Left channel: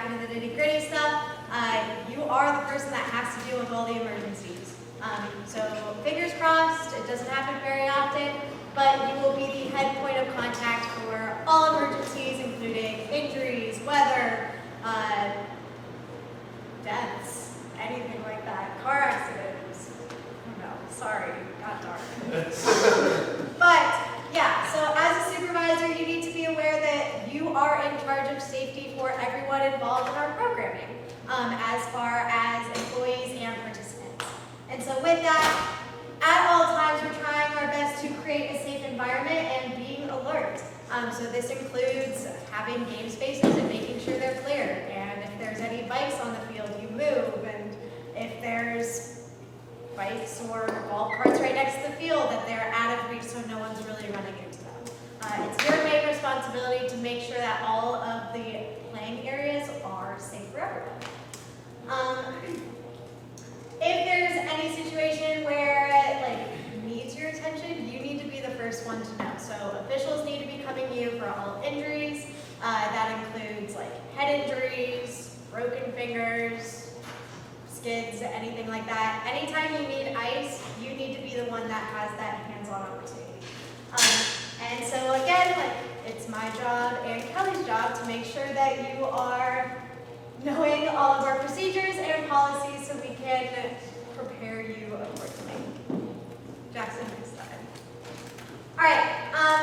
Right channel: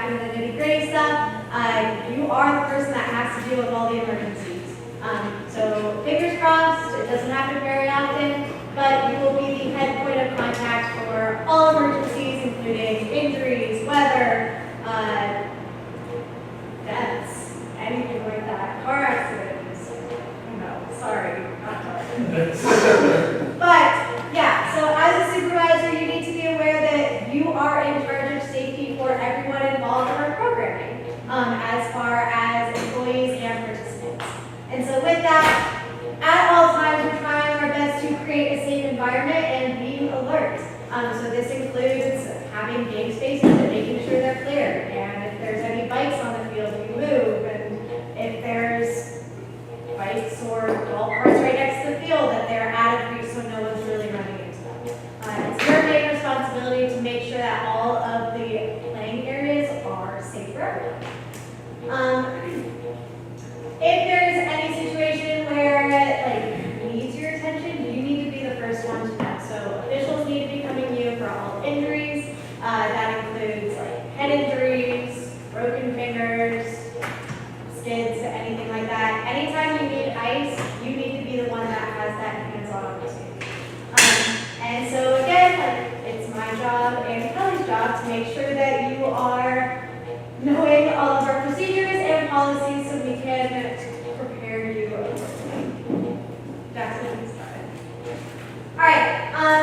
back into the nitty-gritty stuff, you are the person that has to deal with all the emergencies. So fingers crossed, it doesn't happen very often, but you will be the head point of contact for all emergencies, including injuries, weather, deaths, anything like that, car accidents. No, sorry, not car accidents. But yeah, so as a supervisor, you need to be aware that you are in charge of safety for everyone involved in our programming, as far as employees and participants. And so with that, at all times, we're trying our best to create a safe environment and being alert. So this includes having game spaces and making sure they're clear. And if there's any bikes on the field, you move. And if there's bikes or golf carts right next to the field, that they're out of reach so no one's really running into them. It's your main responsibility to make sure that all of the playing areas are safe for everyone. If there's any situation where it needs your attention, you need to be the first one to know. So officials need to be coming to you for all injuries. That includes head injuries, broken fingers, skids, anything like that. Anytime you need ice, you need to be the one that has that hands-on opportunity. And so again, it's my job and Kelly's job to make sure that you are knowing all of our procedures and policies so we can prepare you accordingly. Jackson, you started. All right,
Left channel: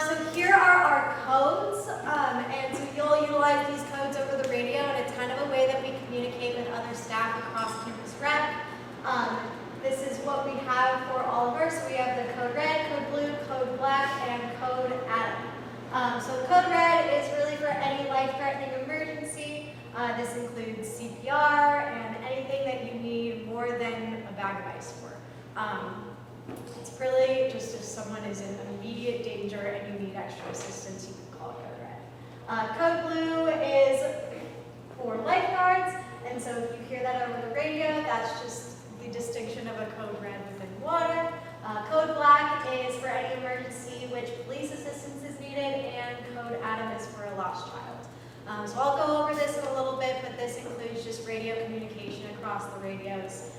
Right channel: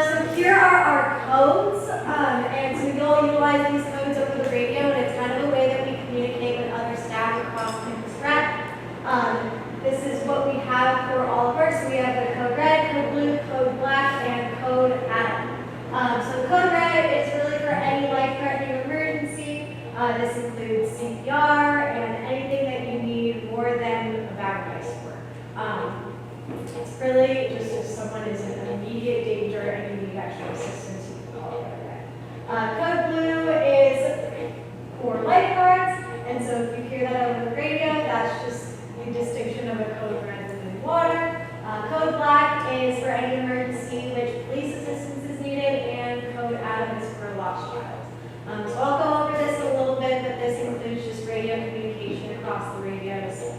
so here are our codes, and so you'll utilize these codes over the radio, and it's kind of a way that we communicate with other staff across campus rep. This is what we have for all of ours. So we have the code red, code blue, code black, and code Adam. So code red is really for any life-threatening emergency. This includes CPR and anything that you need more than a bag of ice for. It's really just if someone is in immediate danger and you need extra assistance, you can call code red. Code blue is for lifeguards, and so if you hear that over the radio, that's just the distinction of a code red within water. Code black is for any emergency which police assistance is needed, and code Adam is for a lost child. So I'll go over this a little bit, but this includes just radio communication across the radios.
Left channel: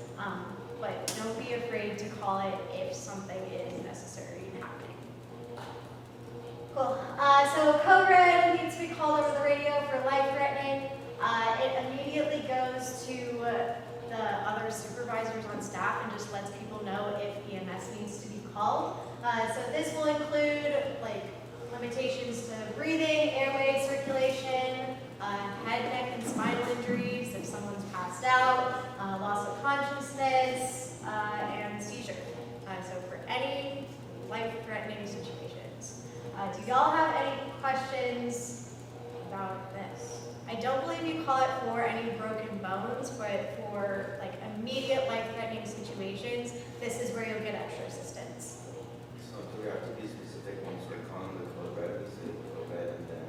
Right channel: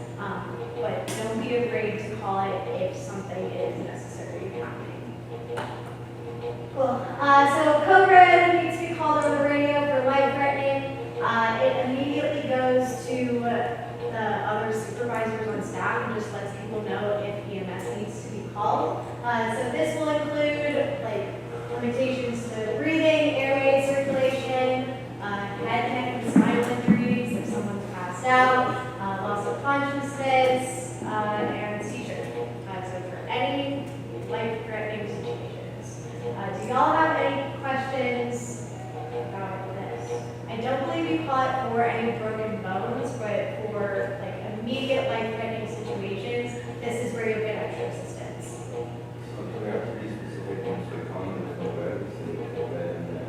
But don't be afraid to call it if something is necessary happening. Cool. So code red needs to be called over the radio for life-threatening. It immediately goes to the other supervisors on staff and just lets people know if EMS needs to be called. So this will include limitations to breathing, airway circulation, head, neck, and spinal injuries if someone's passed out, loss of consciousness, and seizure. So for any life-threatening situations. Do y'all have any questions about this? I don't believe you call it for any broken bones, but for immediate life-threatening situations, this is where you'll get extra assistance. So do we have to be specific once we're calling the code red, we say code red and then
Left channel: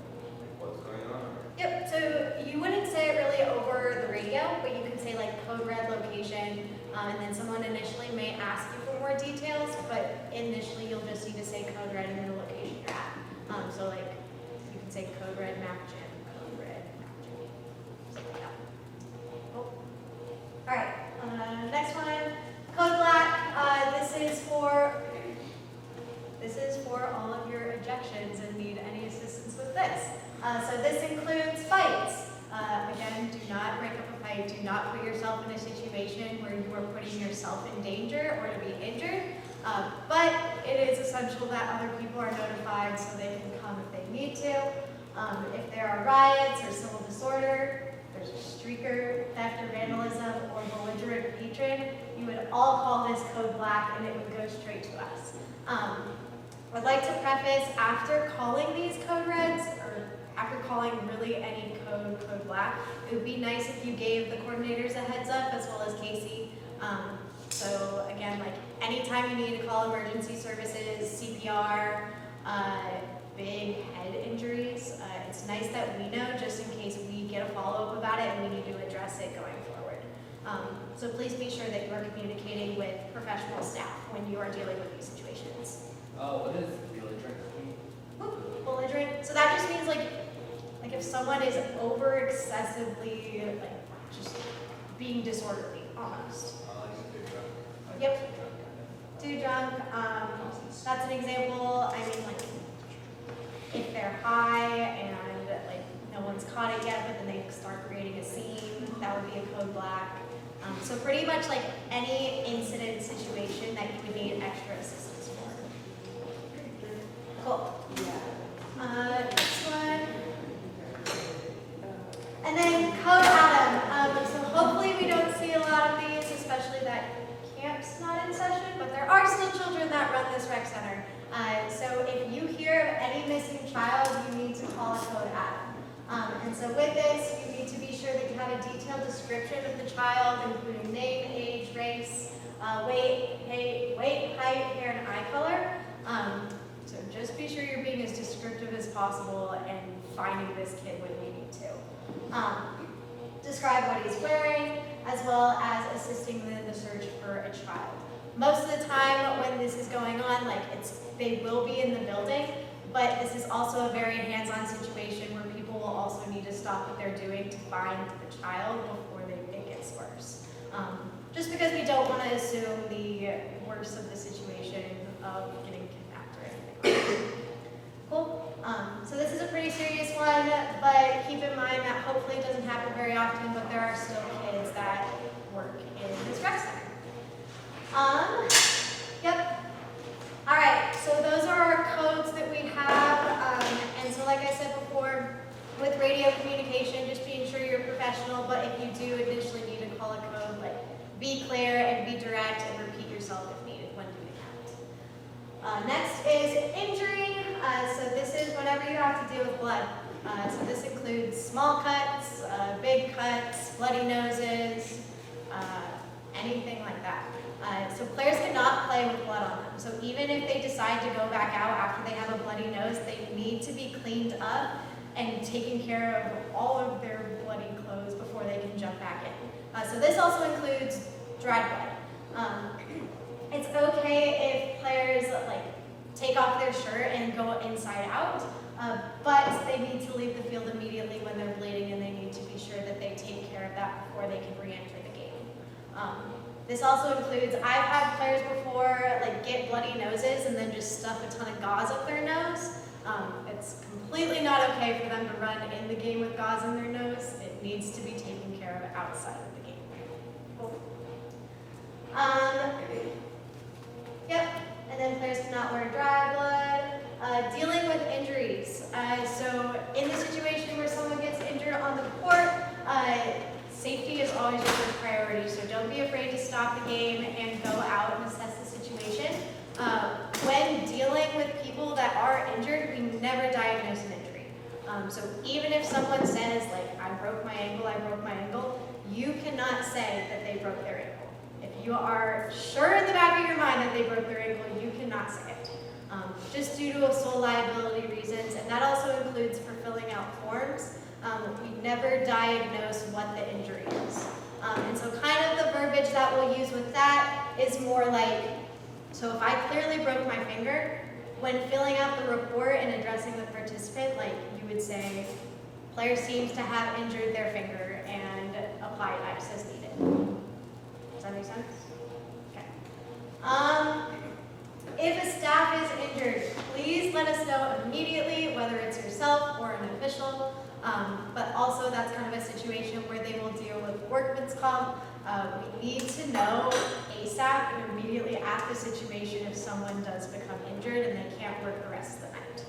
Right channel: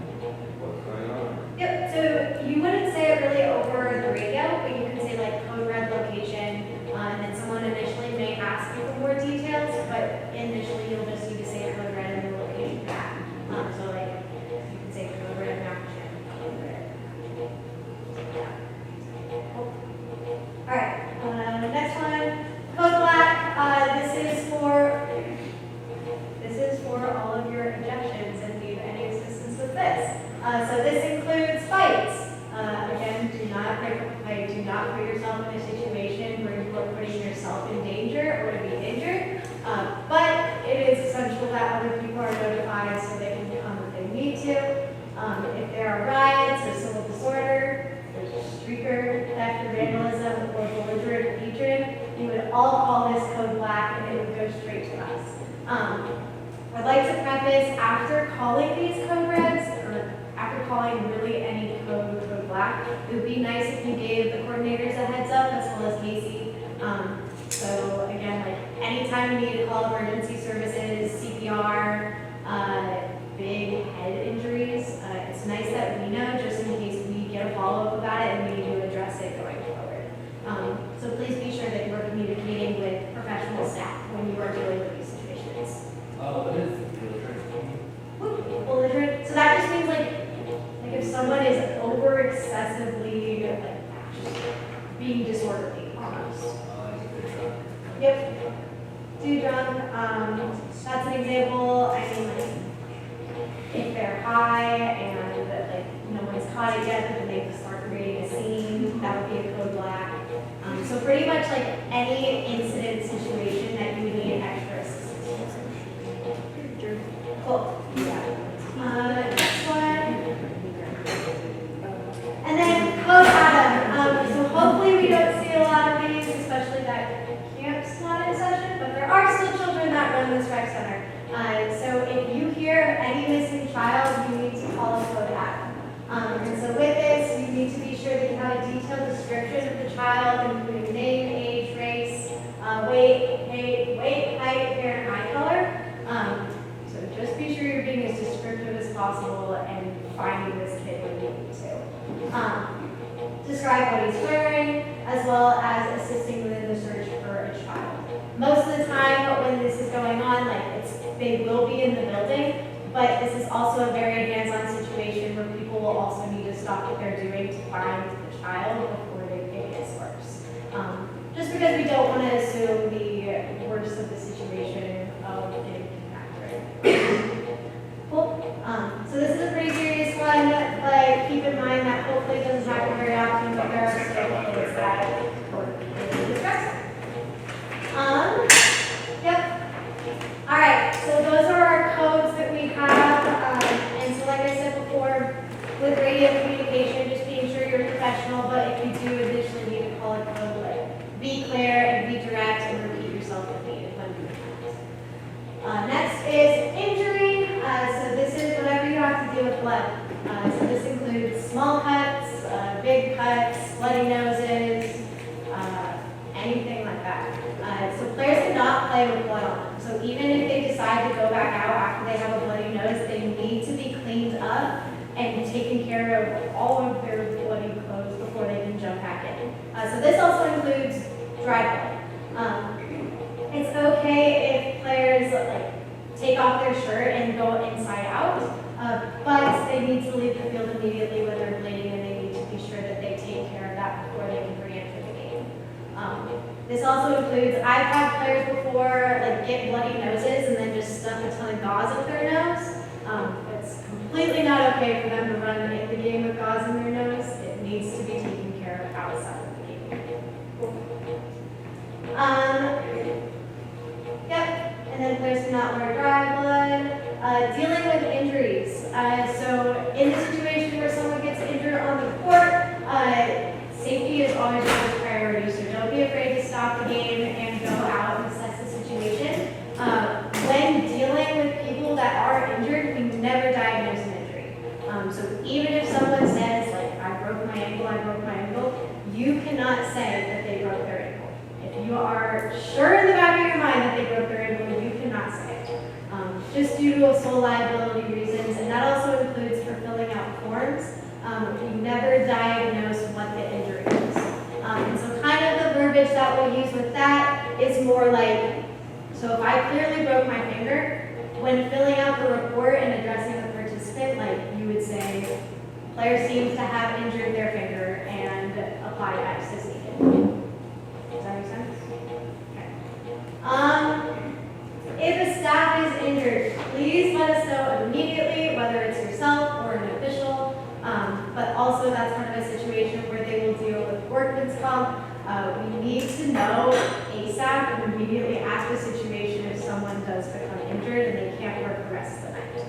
what's going on? Yep, so you wouldn't say it really over the radio, but you can say code red location, and then someone initially may ask you for more details, but initially you'll just need to say code red and the location you're at. So you can say code red Mapchen, code red. Yeah. Oh. All right, next one, code black. This is for all of your injections and need any assistance with this. So this includes fights. Again, do not break up a fight. Do not put yourself in a situation where you are putting yourself in danger or to be injured. But it is essential that other people are notified so they can come if they need to. If there are riots or civil disorder, there's a streaker, theft or vandalism, or belligerent patron, you would all call this code black and it would go straight to us. I'd like to preface, after calling these code reds, or after calling really any code black, it would be nice if you gave the coordinators a heads up, as well as Casey. So again, anytime you need to call emergency services, CPR, big head injuries, it's nice that we know just in case we get a follow-up about it and we need to address it going forward. So please be sure that you're communicating with professional staff when you are dealing with these situations. What is belligerent? Belligerent. So that just means if someone is over over excessively, like, just being disorderly almost. Yep. Too drunk. That's an example. I mean, like, if they're high and like no one's caught it yet, but they start creating a scene, that would be a code black. So pretty much like any incident situation that you would need extra assistance for. Cool. Next one. And then code Adam. So hopefully we don't see a lot of these, especially that camp's not in session, but there are still children that run this rec center. So if you hear any missing child, you need to call a code Adam. And so with this, you need to be sure that you have a detailed description of the child, including name, age, race, weight, height, hair, and eye color. So just be sure you're being as descriptive as possible and finding this kid when you need to. Describe what he's wearing, as well as assisting within the search for a child. Most of the time when this is going on, like they will be in the building, but this is also a very hands-on situation where people will also need to stop what they're doing to find the child before it gets worse. Just because we don't want to assume the worst of the situation of getting kidnapped or anything. Cool. So this is a pretty serious one, but keep in mind that hopefully it doesn't happen very often, but there are still things that are distressing. Yep. All right, so those are our codes that we have. And so like I said before, with radio communication, just being sure you're professional, but if you do additionally need to call a code, like be clear and be direct and repeat yourself if needed when doing that. Next is injury. So this is whenever you have to deal with blood. So this includes small cuts, big cuts, bloody noses, anything like that. So players cannot play with blood on them. So even if they decide to go back out after they have a bloody nose, they need to be cleaned up and taken care of all of their bloody clothes before they can jump back in. So this also includes dry blood. It's okay if players like take off their shirt and go inside out, but they need to leave the field immediately when they're bleeding, and they need to be sure that they take care of that before they can re-enter the game. This also includes, I've had players before like get bloody noses and then just stuff a ton of gauze up their nose. It's completely not okay for them to run in the game with gauze in their nose. It needs to be taken care of outside of the game. Cool. Yep, and then players cannot wear dry blood. Dealing with injuries. So in the situation where someone gets injured on the court, safety is always a priority, so don't be afraid to stop the game and go out and assess the situation. When dealing with people that are injured, we never diagnose an injury. So even if someone says, like, I broke my ankle, you cannot say that they broke their ankle. If you are sure in the back of your mind that they broke their ankle, you cannot say it. Just due to sole liability reasons, and that also includes for filling out forms. We never diagnose what the injury is. And so kind of the verbiage that we'll use with that is more like, so if I clearly broke my finger, when filling out the report and addressing the participant, like you would say, player seems to have injured their finger and apply X as needed. Does that make sense? Okay. If a staff is injured, please let us know immediately, whether it's yourself or an official. But also that's kind of a situation where they will deal with workman's comp. We need to know ASAP and immediately after the situation if someone does become injured and they can't work the rest of the night.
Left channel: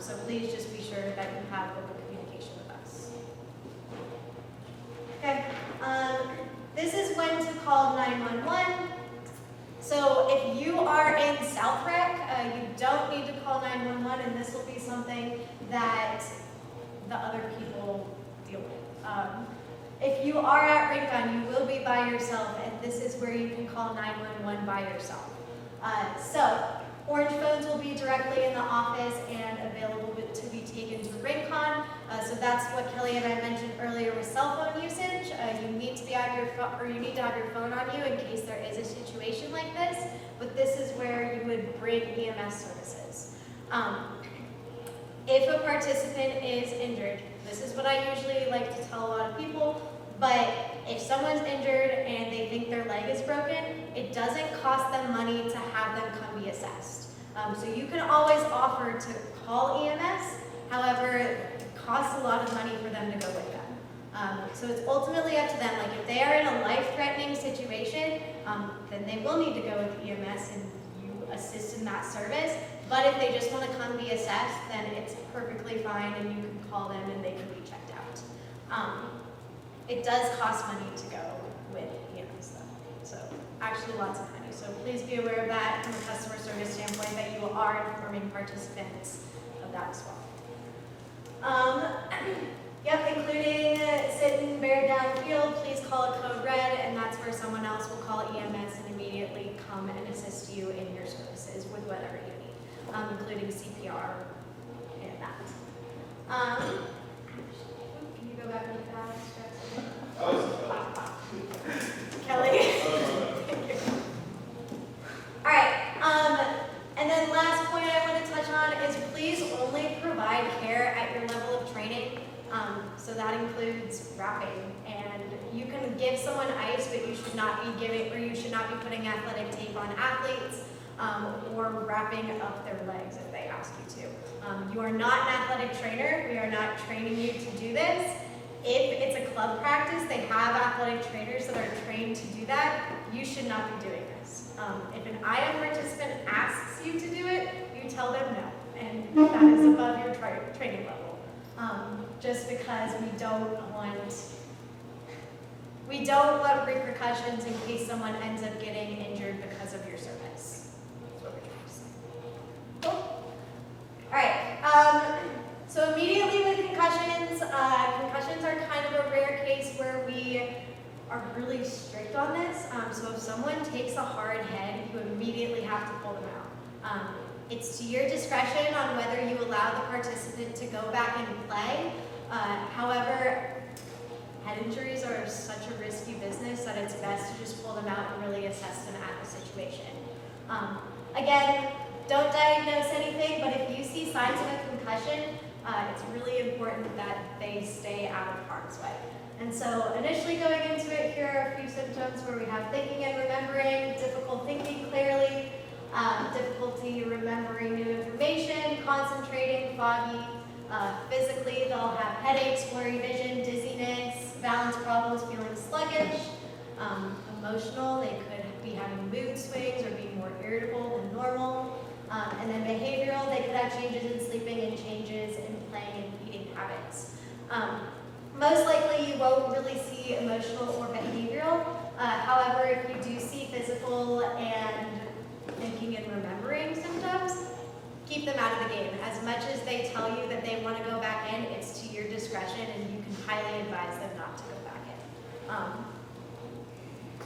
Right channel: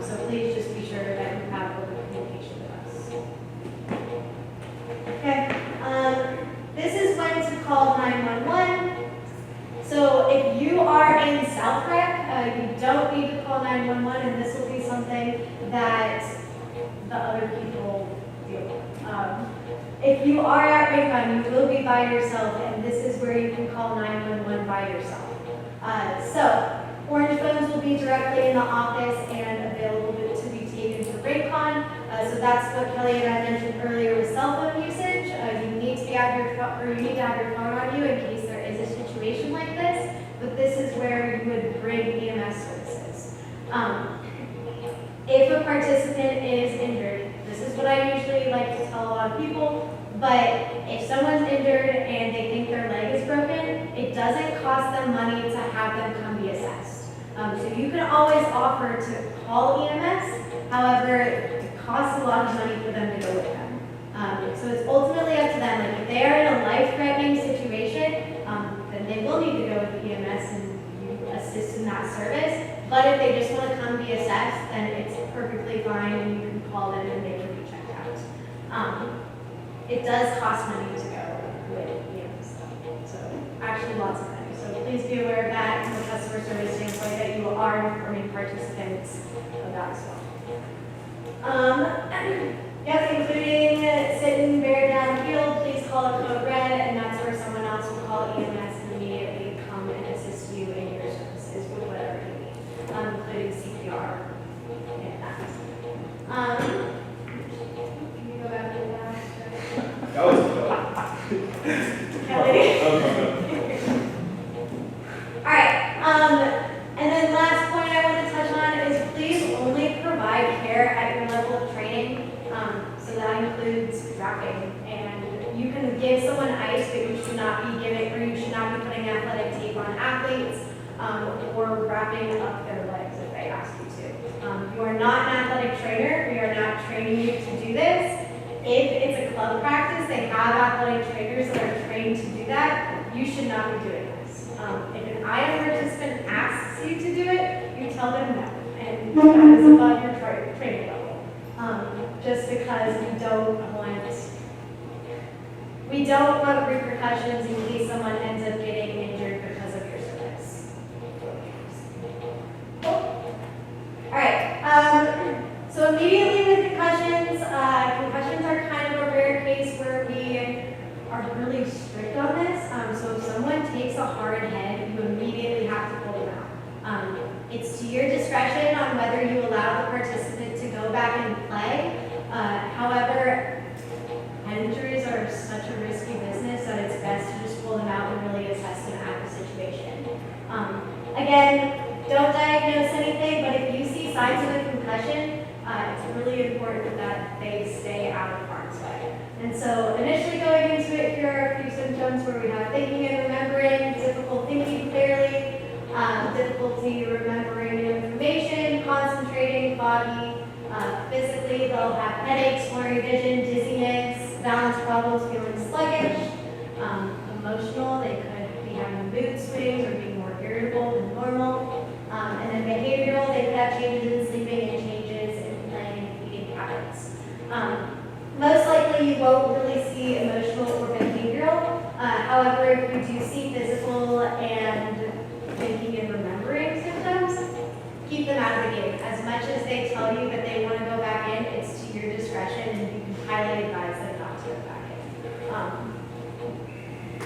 So please just be sure that you have open communication with us. Okay. This is when to call 911. So if you are in South Rec, you don't need to call 911, and this will be something that the other people deal with. If you are at Rincon, you will be by yourself, and this is where you can call 911 by yourself. So orange phones will be directly in the office and available to be taken to Rincon. So that's what Kelly and I mentioned earlier with cell phone usage. You need to be have your phone, or you need to have your phone on you in case there is a situation like this. But this is where you would bring EMS services. If a participant is injured, this this is what I usually like to tell a lot of people, but if someone's injured and they think their leg is broken, it doesn't cost them money to have them come be assessed. So you can always offer to call EMS, however, it costs a lot of money for them to go with them. So it's ultimately up to them. Like if they are in a life-threatening situation, then they will need to go with the EMS and you assist in that service. But if they just want to come be assessed, then it's perfectly fine and you can call them and they can be checked out. It does cost money to go with EMS though. So actually lots of money. So please be aware of that from a customer service standpoint that you are informing participants of that as well. Yep, including sitting bear down the field, please call a code red, and that's where someone else will call EMS and immediately come and assist you in your services with whatever you need, including CPR and that. Can you go back to the last step? That was tough. Kelly? Alright, and then last point I want to touch on is please only provide care at your level of training. So that includes wrapping. And you can give someone ice, but you should not be giving, or you should not be putting athletic tape on athletes, or wrapping up their legs if they ask you to. You are not an athletic trainer. We are not training you to do this. If it's a club practice, they have athletic trainers that are trained to do that. You should not be doing this. If an IM participant asks you to do it, you tell them no. And that is above your training level. Just because we don't want repercussions in case someone ends up getting injured because of your service. Cool. Alright, so immediately with concussions, concussions are kind of a rare case where we are really strict on this. So if someone takes a hard head, you immediately have to pull them out. It's to your discretion on whether you allow the participant to go back and play. However, head injuries are such a risky business that it's best to just pull them out and really assess them out of the situation. Again, don't diagnose anything, but if you see signs of a concussion, it's really important that they stay out of harm's way. And so initially going into it, here are a few symptoms where we have thinking and remembering, difficult thinking clearly, difficulty remembering new information, concentrating, foggy. Physically, they'll have headaches, blurry vision, dizziness, balance problems, feeling sluggish. Emotional, they could be having mood swings or be more irritable than normal. And then behavioral, they could have changes in sleeping and changes in playing and eating habits. Most likely, you won't really see emotional or behavioral. However, if you do see physical and thinking and remembering symptoms, keep them out of the game. As much as they tell you that they want to go back in, it's to your discretion, and you can highly advise them not to go back in.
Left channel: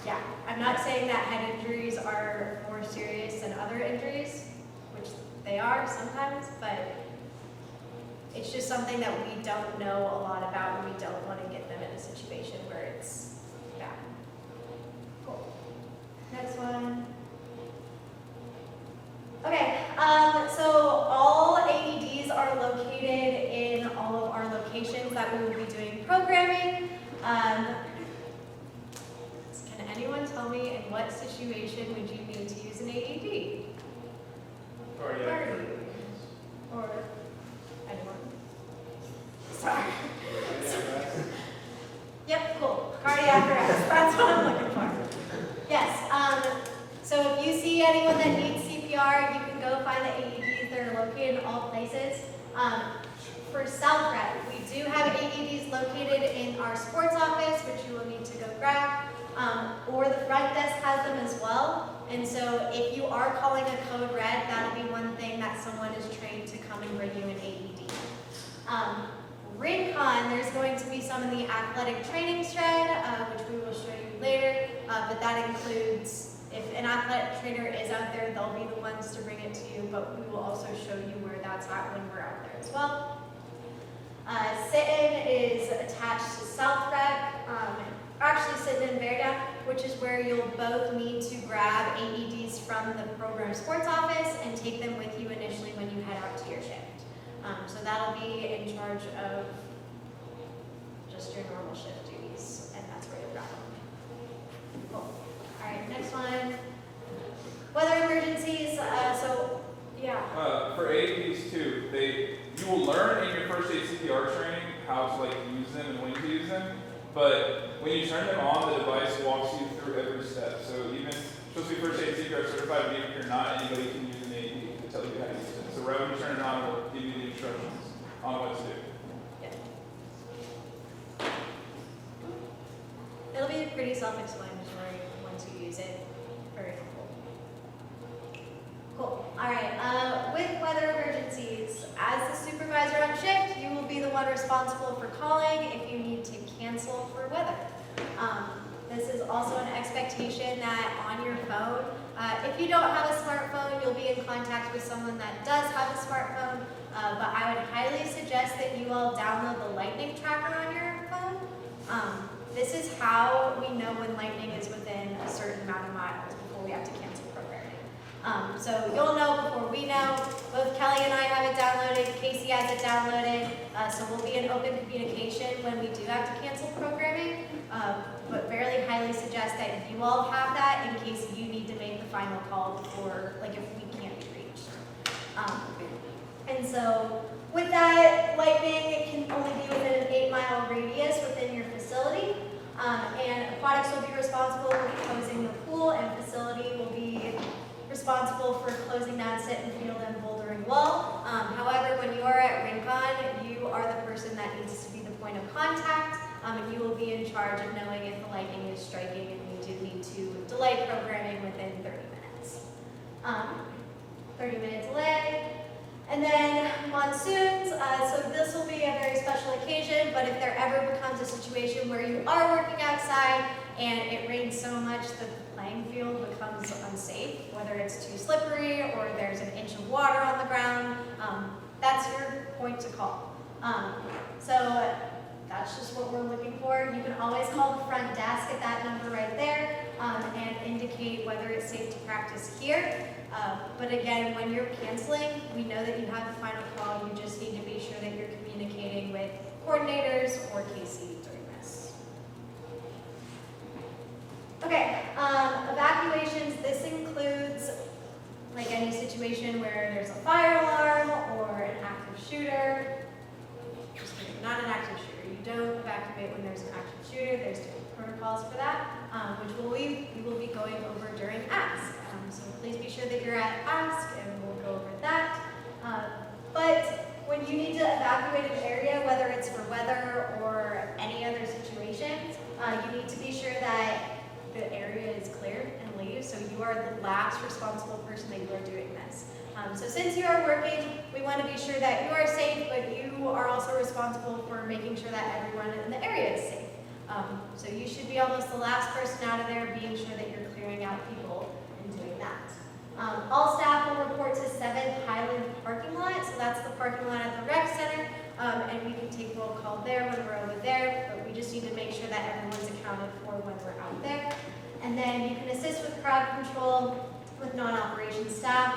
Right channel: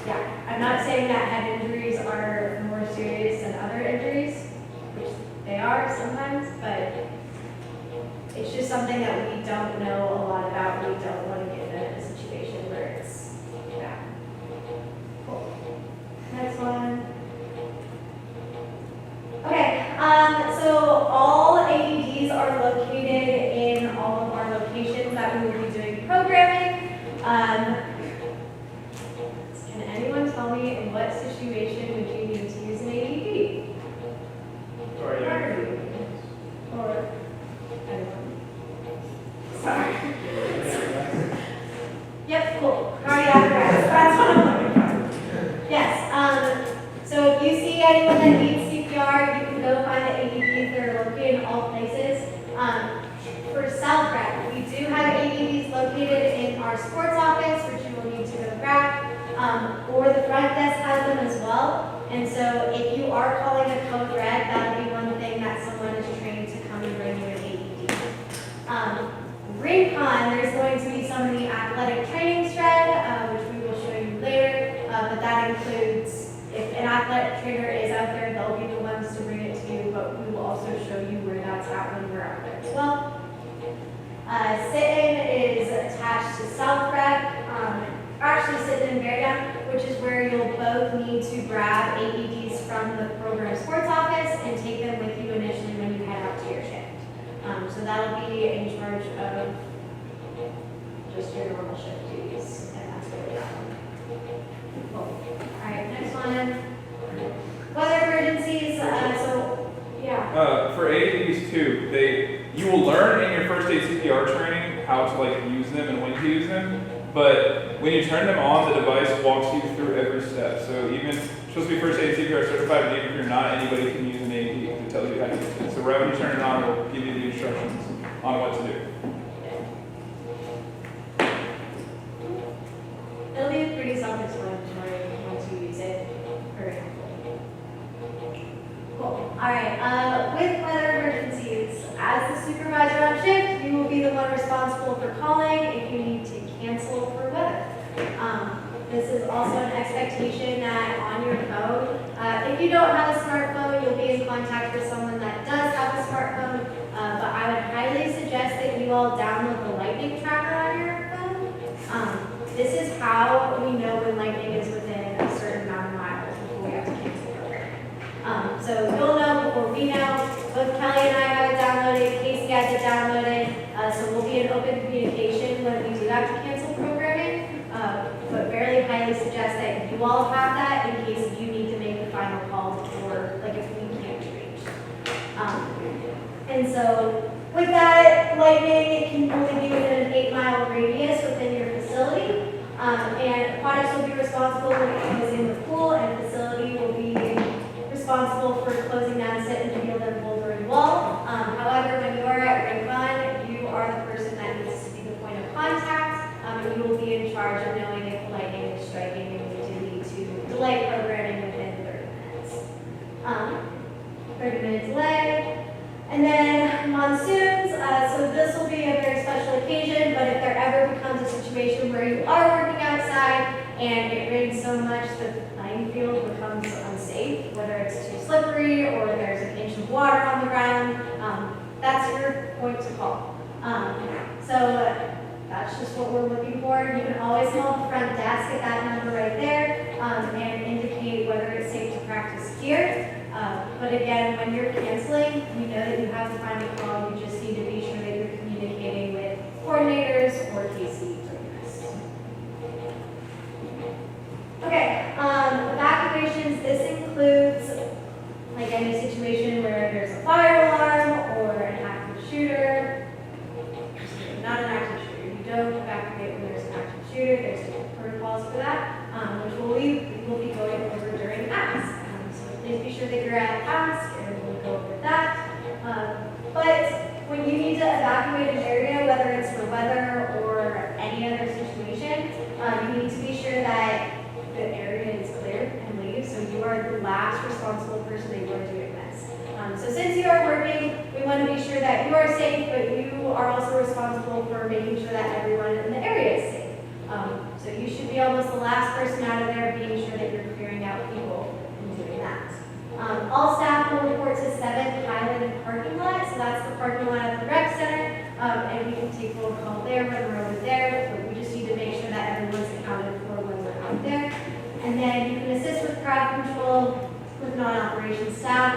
Yeah, I'm not saying that head injuries are more serious than other injuries, which they are sometimes, but it's just something that we don't know a lot about. We don't want to get them in a situation where it's bad. Cool. Next one. Okay, so all AEDs are located in all of our locations that we will be doing programming. Can anyone tell me in what situation would you need to use an AED? Or anyone? Sorry. Yep, cool. Cardiac arrest. That's what I'm looking for. Yes. So if you see anyone that needs CPR, you can go find the AEDs. They're located in all places. For self-rec, we do have AEDs located in our sports office, which you will need to go grab, or the front desk has them as well. And so if you are calling a code red, that'll be one thing that someone is trained to come and bring you an AED. Rincon, there's going to be some of the athletic training shred, which we will show you later, but that includes, if an athletic trainer is out there, they'll be the ones to bring it to you, but we will also show you where that's at when we're out there as well. Sit-in is attached to self-rec, actually sit-in and bear down, which is where you'll both need to grab AEDs from the program sports office and take them with you initially when you head out to your shift. So that'll be in charge of just your normal shift duties, and that's really that one. Cool. All right, next one. Weather emergencies, yeah. For AEDs too, you will learn in your first aid CPR training how to like use them and when to use them. But when you turn them on, the device walks you through every step. So even it's supposed to be first aid CPR certified, but even if you're not, anybody can use an AED to tell you how to use it. So right when you turn it on, it'll give you the instructions on what to do. It'll be pretty self-explanatory once you use it. Very cool. All right. With weather emergencies, as the supervisor on shift, you will be the one responsible for calling if you need to cancel for weather. This is also an expectation that on your phone, if you don't have a smartphone, you'll be in contact with someone that does have a smartphone. But I would highly suggest that you all download the lightning tracker on your phone. This is how we know when lightning is within a certain amount of miles before we have to cancel programming. So you'll know before we know. Both Kelly and I have it downloaded, Casey has it downloaded, so we'll be in open communication when we do have to cancel programming. But very highly suggest that you all have that in case you need to make the final call before, like if we can't be reached. And so with that, lightning can only be within an 8-mile radius within your facility. And aquatics will be responsible for closing the pool, and facility will be responsible for closing down sit and field and bouldering wall. However, when you are at Rincon, you are the person that needs to be the point of contact, and you will be in charge of knowing if the lightning is striking and we do need to delay programming within 30 minutes. 30-minute delay. And then monsoons, so this will be a very special occasion, but if there ever becomes a situation where you are working outside and it rains so much that the playing field becomes unsafe, whether it's too slippery or there's an inch of water on the ground, that's your point to call. So that's just what we're looking for. You can always call the front desk at that number right there and indicate whether it's safe to practice here. But again, when you're canceling, we know that you have the final call. You just need to be sure that you're communicating with coordinators or KC during this. Okay, evacuations. This includes like any situation where there's a fire alarm or an active shooter. Not an active shooter. You don't evacuate when there's an active shooter. There's different protocols for that, which we will be going over during ASK. So please be sure that you're at ASK, and we'll go over that. But when you need to evacuate an area, whether it's for weather or any other situation, you need to be sure that the area is clear and leave. So you are the last responsible person that you are doing this. So since you are working, we want to be sure that you are safe, but you are also responsible for making sure that everyone in the area is safe. So you should be almost the last person out of there, being sure that you're clearing out people and doing that. All staff will report to 7 Highland parking lot. So that's the parking lot at the rec center. And we can take roll call there when we're over there, but we just need to make sure that everyone's accounted for when we're out there. And then you can assist with crowd control with non-operation staff.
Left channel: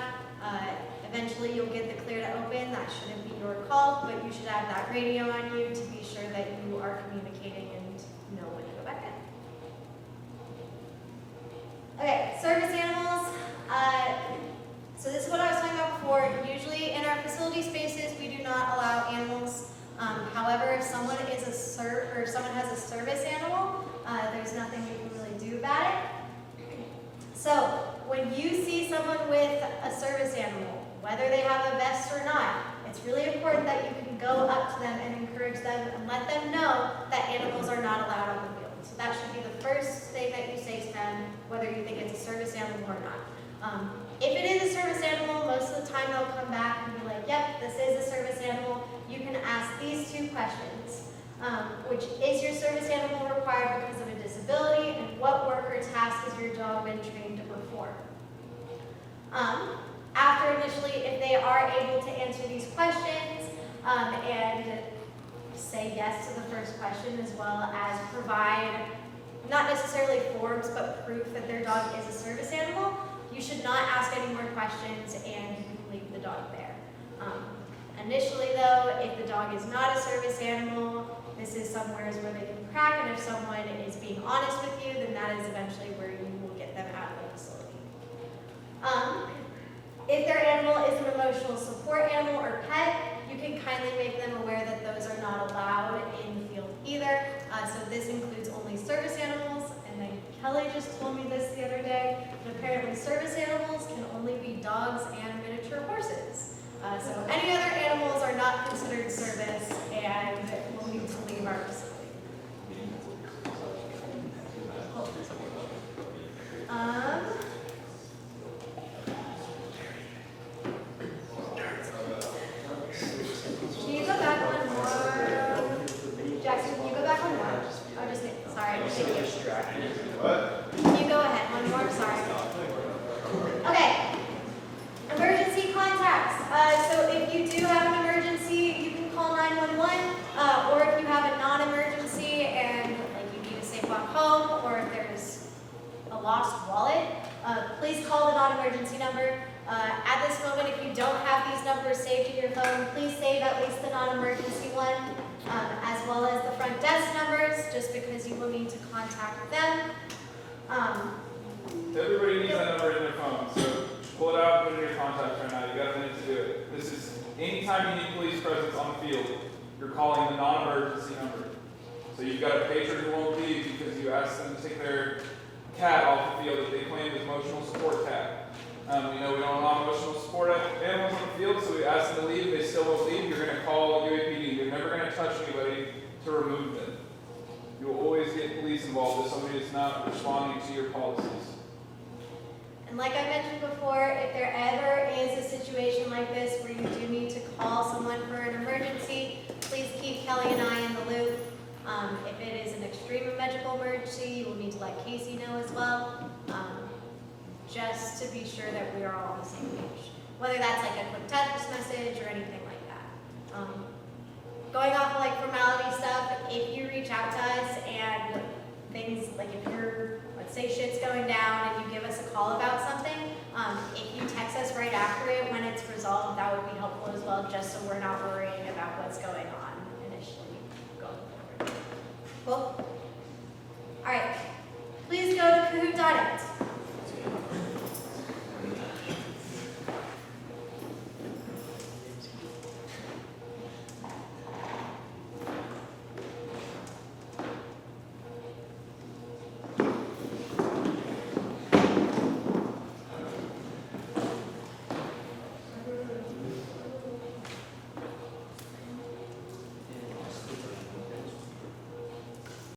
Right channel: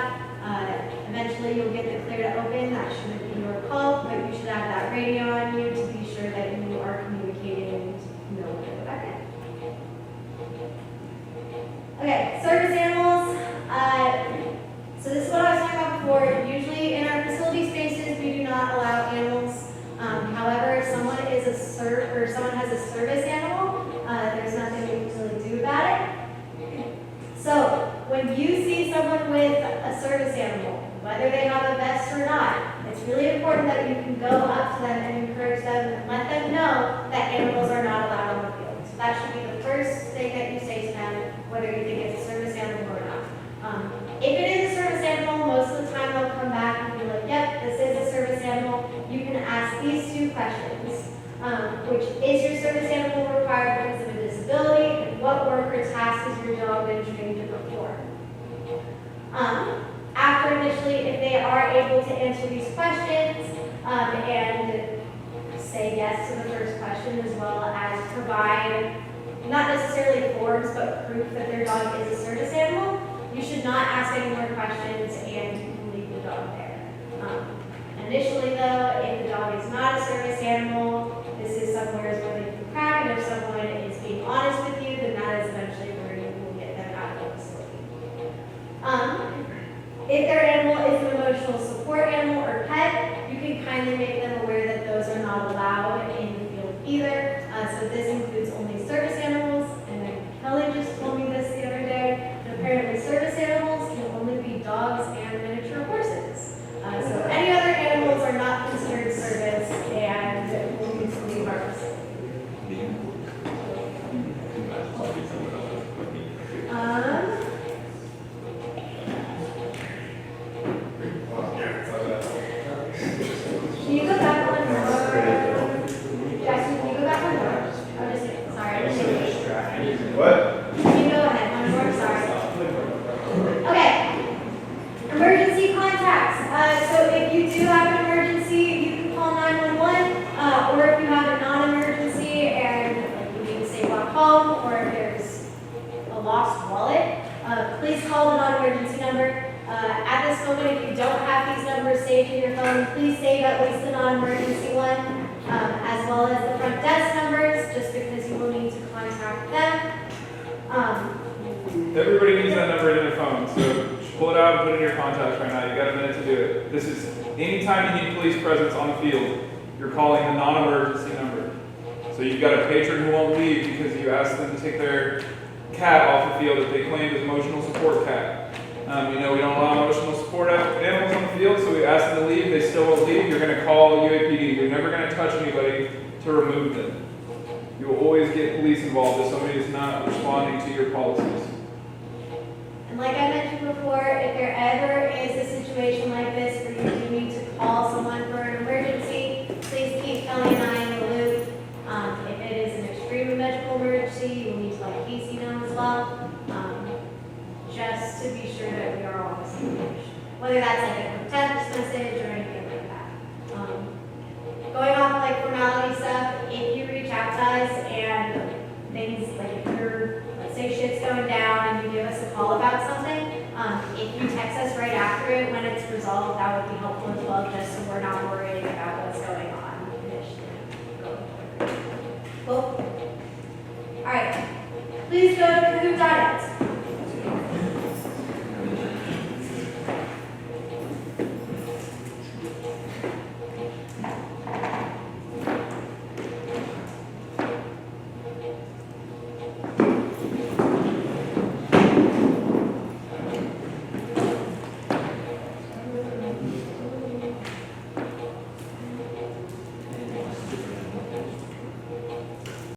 Eventually you'll get the clear to open. That shouldn't be your call, but you should have that radio on you to be sure that you are communicating and know when to go back in. Okay, service animals. So this is what I was talking about before. Usually in our facility spaces, we do not allow animals. However, if someone is someone has a service animal, there's nothing we can really do about it. So when you see someone with a service animal, whether they have a vest or not, it's really important that you can go up to them and encourage them and let them know that animals are not allowed on the field. So that should be the first thing that you say to them, whether you think it's a service animal or not. If it is a service animal, most of the time they'll come back and be like, yep, this is a service animal. You can ask these 2 questions, which is your service animal required because of a disability, and what work or task has your dog been trained to perform? After initially, if they are able to answer these questions and say yes to the first question, as well as provide not necessarily forms, but proof that their dog is a service animal, you should not ask any more questions and you can leave the dog there. Initially though, if the dog is not a service animal, this is somewhere where they kindly make them aware that those are not allowed in the field either. So this includes only service animals, and then Kelly just told me this the other day. Apparently service animals can only be dogs and miniature horses. So any other animals are not considered service and will need to leave our facility. Can you go back one more? Jackson, can you go back one more? I'm just kidding. Sorry, I'm just kidding. What? Can you go ahead one more? Sorry. Okay. Emergency contacts. So if you do have an emergency, you can call 911, or if you have a non-emergency and you need to say walk home, or if there's a lost wallet, please call the non-emergency number. At this moment, if you don't have these numbers saved in your phone, please save at least the non-emergency one, as well as the front desk numbers, just because you will need to contact them. Everybody needs that number in their phone, so just pull it out and put it in your contacts right now. You got a minute to do it. This is anytime you need police presence on the field, you're calling the non-emergency number. So you've got a patron who won't leave because you asked them to take their cat off the field that they claimed is emotional support cat. We know we don't allow emotional support animals on the field, so we ask them to leave. They still won't leave. You're going to call UAPD. You're never going to touch anybody to remove them. You will always get police involved if somebody is not responding to your policies. And like I mentioned before, if there ever is a situation like this where you do need to call someone for an emergency, please keep Kelly and I in the loop. If it is an extreme medical emergency, you will need to let Casey know as well, just to be sure that we are all on the same page. Whether that's like a quick text message or anything like that. Going off like formality stuff, if you reach out to us and things like if you're, let's say shit's going down and you give us a call about something, if you text us right after it when it's resolved, that would be helpful as well, just so we're